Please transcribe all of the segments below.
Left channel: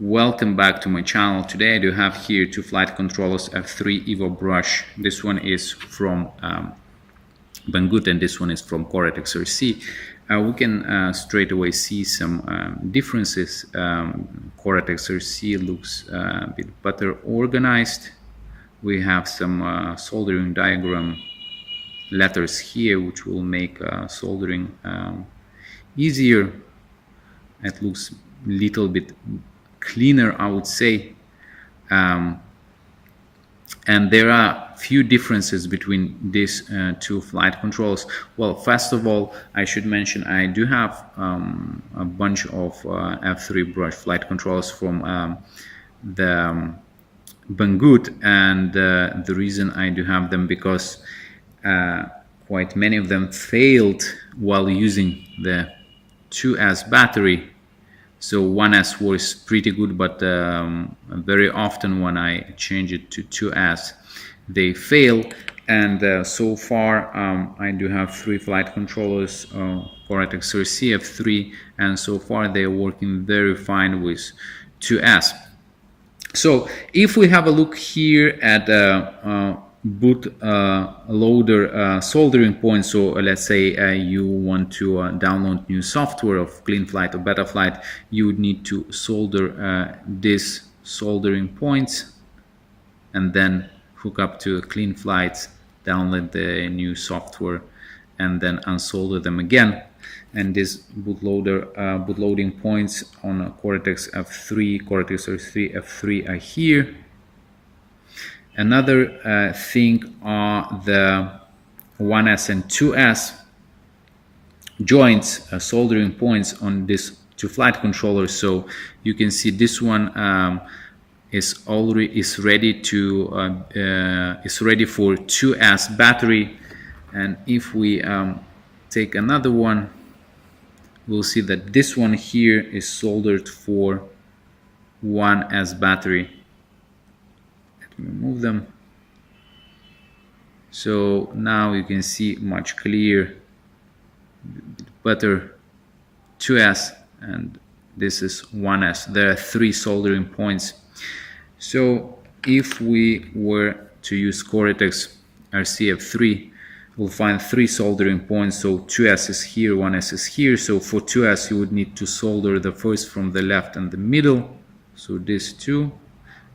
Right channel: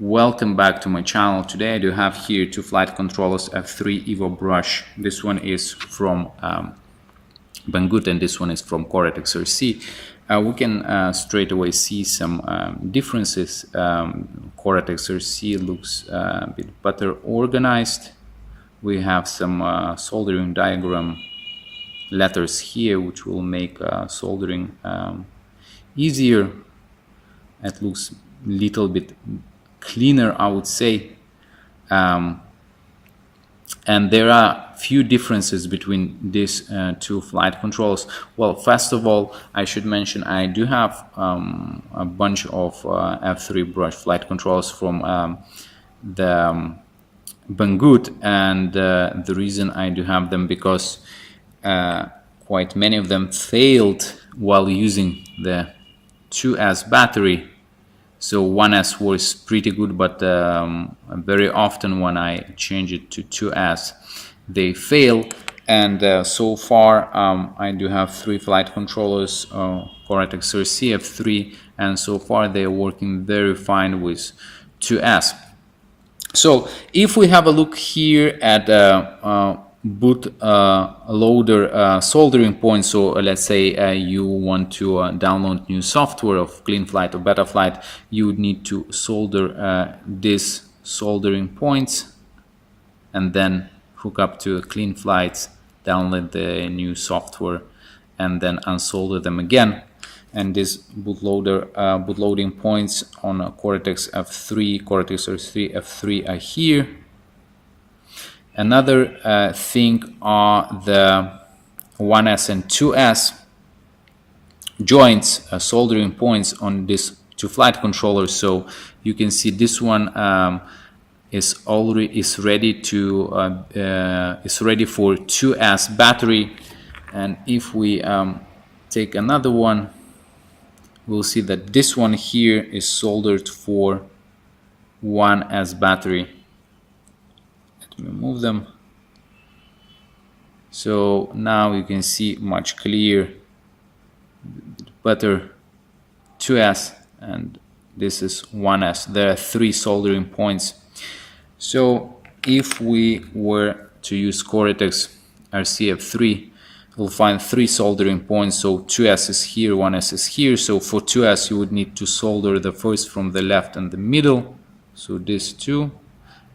Welcome back to my channel. Today I do have here two flight controllers F3 Evo brush. This one is from Banggood and this one is from Coretexrc. We can straight away see some differences. Coretexrc looks a bit better organized. We have some soldering diagram letters here which will make soldering easier. It looks a little bit cleaner, I would say, and there are few differences between these two flight controls. Well, first of all, I should mention I do have a bunch of F3 brush flight controls from the Banggood, and the reason I do have them because quite many of them failed while using the 2S battery. So 1S was pretty good, but very often when I change it to 2S, they fail. And so far, I do have three flight controllers, Coretexrc F3, and so far they are working very fine with 2S. So if we have a look here at boot loader soldering point, so let's say you want to download new software of CleanFlight or Betaflight, you would need to solder these soldering points and then hook up to CleanFlight, download the new software and then unsolder them again. And these bootloading points on Coretexrc F3 are here. Another thing are the 1S and 2S joints, soldering points on these two flight controllers. So you can see this one is ready for 2S battery, and if we take another one, we'll see that this one here is soldered for 1S battery. Remove them, so now you can see much clearer, better 2S, and this is 1S. There are three soldering points. So if we were to use Coretexrc F3, we'll find three soldering points. So 2S is here, 1S is here. So for 2S you would need to solder the first from the left and the middle, so these two.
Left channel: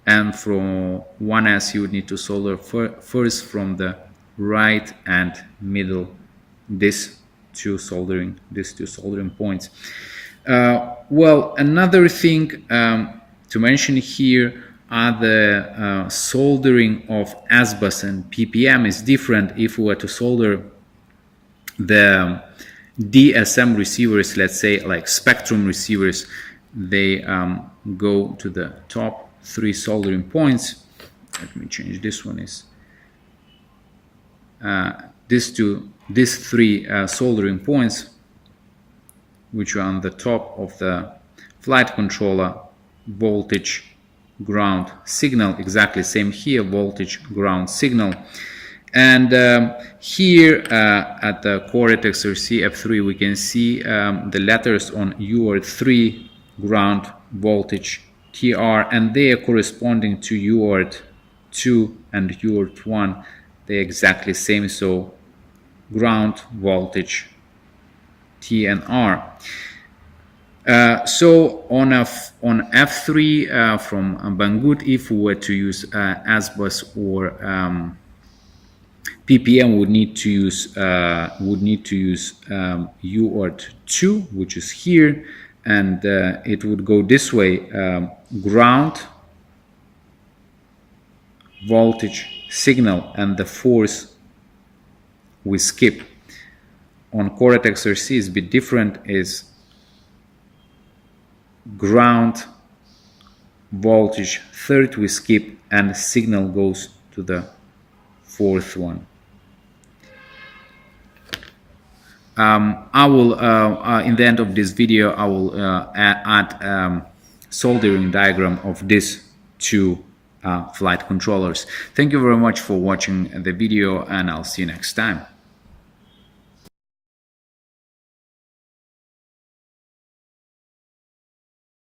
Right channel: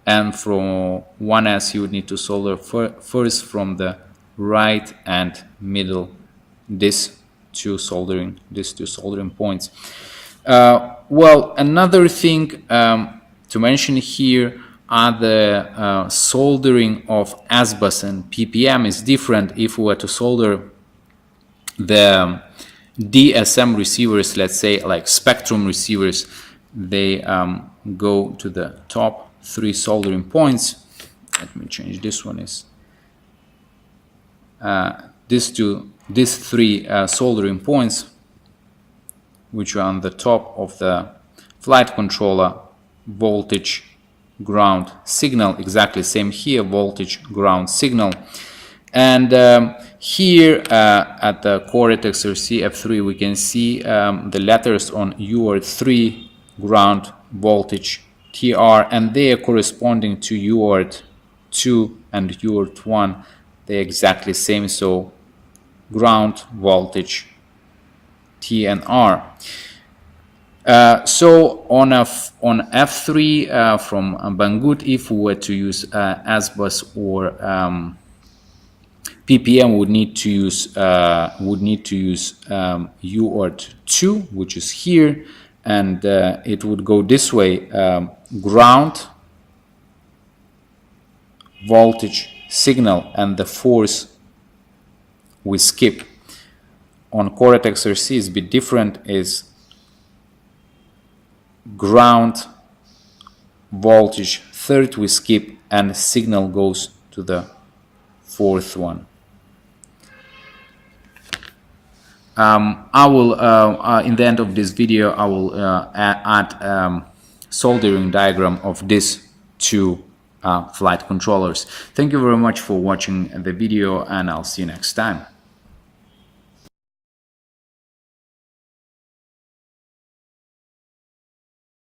And from 1S you would need to solder first from the right and middle, these two soldering points. Well, another thing to mention here are the soldering of S-bus and PPM is different. If we were to solder the DSM receivers, let's say like Spectrum receivers, they go to the top three soldering points. Let me change this one. Is these three soldering points, which are on the top of the flight controller: voltage, ground, signal. Exactly same here: voltage, ground, signal. And here at the Coretexrc F3 we can see the letters on UART3, ground, voltage, TR, and they are corresponding to UART2 and UART1. They're exactly same, so ground, voltage, T and R. So on F3 from Banggood, if we were to use S-bus or PPM, would need to use UART2, which is here, and it would go this way: ground, voltage, signal, and the force we skip. On Coretexrc is a bit different, is ground, voltage, third we skip, and signal goes to the fourth one. I will, in the end of this video, I will add soldering diagram of these two flight controllers. Thank you very much for watching the video, and I'll see you next time.